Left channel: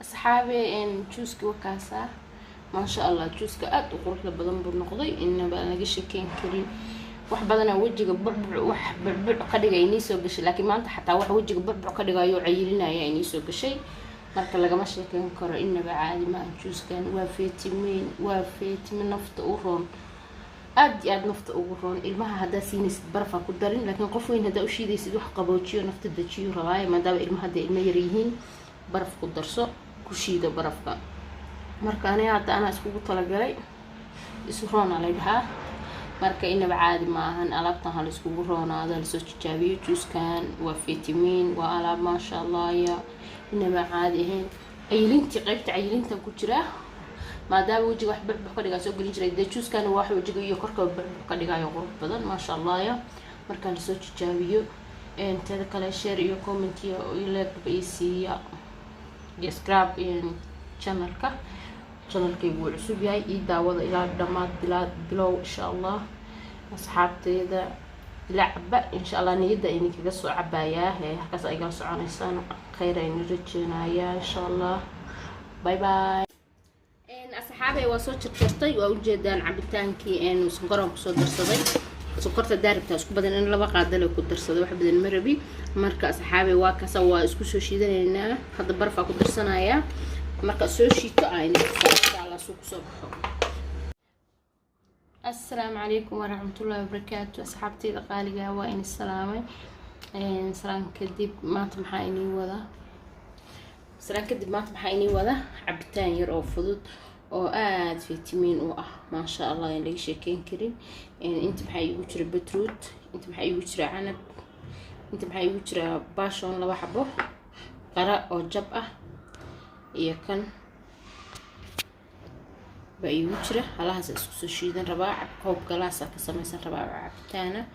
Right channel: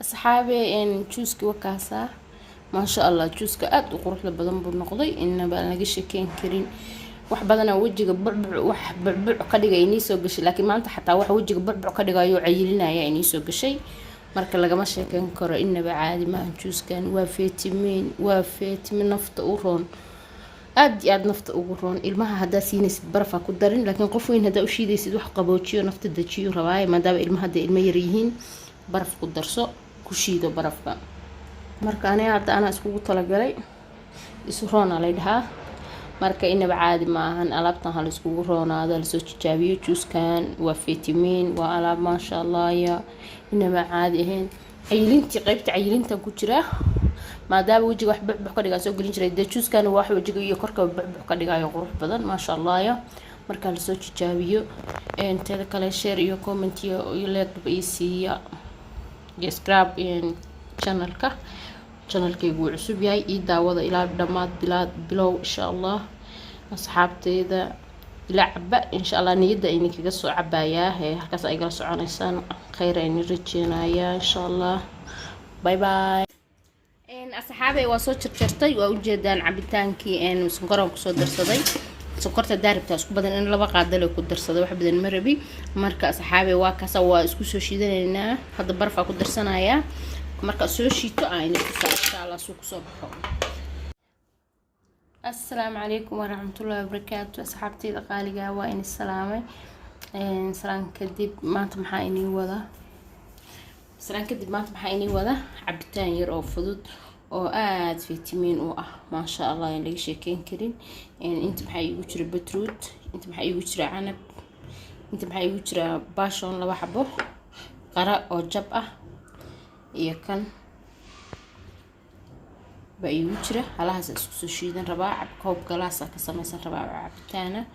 أصحابي إن جوزك وكاسة ما شاء الله جوزك أد وقروح لبدن بالنقضي إن بقى نجيش كين كريم wax badan oo wajiga burbuc ka dhigay inii soo gashay laakiin maanta xataa wax wajiga burbuc ka dhigayo cayilinaya inii soo gashay marka lagama sheekan karo inaba caadi ma juuskan waa fitamiin nafta u roon aad iyo aad nafta ugu roon ilmaha hadaa siinaysid baraf ku darin laakiin qof weyn hadaa u shiidaysid wax qaboojiyo nafta dajiyo rabaayo maadaama ilmaha hadda ilmo yar yihiin baraf ku darso ku shiido barafka marka ana iskugu talagalay isu roon la dhahaa marka inaba caadi ma ahan alaabtan hal iskugu roonaado la soo tijaabiyo juuskan waa fitamiin waa alaab ma sha Allah ya inaba caadi ahayn cayilintii qaybta cayilinta ku jira maadaama wajiga wax burbuc ka dhigaa soo galin jiray juuskan waa wax wajiga iyo korka burbuc ka dhigayo qurux badan ma sha Allah ya marka la soo tijaabiyo inta kale share iyo comment iyo like iyo siiya subscribe channelkaygu wuu cusub yahay ii daawada ilaa dhamaad bilow insha Allah asxaabteyda ila caba insha Allah niyada ay kaga soo cabayaa halkaas ay kala soconaysaan khayr ay rajeenayaa insha Allah bye bye asxaabay waa soo jirtay waa u jeedaan cabitaankii sonkoran ku soo darsaday sonkorta daaribta isku badan in laba qaadale ku darsaday wax badan ma rabi marka asxaabay waa kaasa waa isku soo shiidanaynaa hadda barfa ku darsanaya marka soo shiito ayna insha Allah suuq soo baxo السلام عليكم ورحمة الله وبركاته أصحابتي الغالية وإن السلامة سلام كدب ما تمحيني وذا عبتان يرو فضود أو آد فيتامين أو ما شاء الله يعني شيكين كريم يعني أنت محي وجرى بتروت أنت محي وجرى عنب أنت محي وجرى باشون لو حبه قراء أو جبأة يكن بأي وجرة على هذا السوشيدن رباع كوب جلاسة كسميسن رباع عبتانة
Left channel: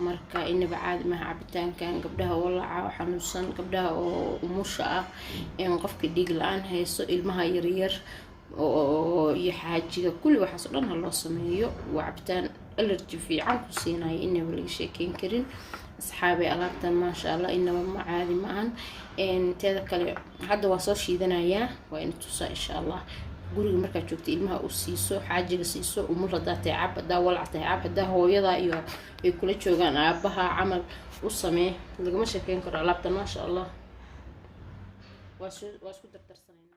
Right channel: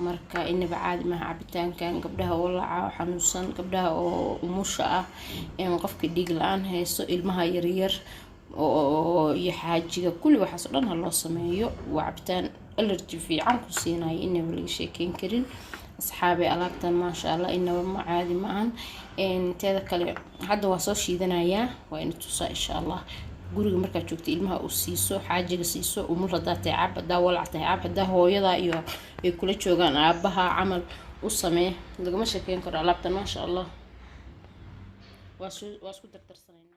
مركا إن بعد ما عبتان كان قبلها ولع حنوسن قبلها ومشاء يعني قفك ديق الآن هي سؤال ما يرير يحاجي كل واحد صلنا الله سميه وعبتان الارتفاع عنك سينا إنه ولا شيء كرين أصحابي ألابتان ما شاء الله إنه ما عادي معن إن تذكر هذا وصل شيء ذنايا وإن تصا إن شاء الله guriga marka joogto ilmaha u siiso xaajiga siiso umur hadaa taacab hadaa walac taacab hadaa hooyada iyo ay kula joogaan aabaha camal u samee lagama sheekeyn karo alaabtan ma sha Allah waa isku dardarsanayna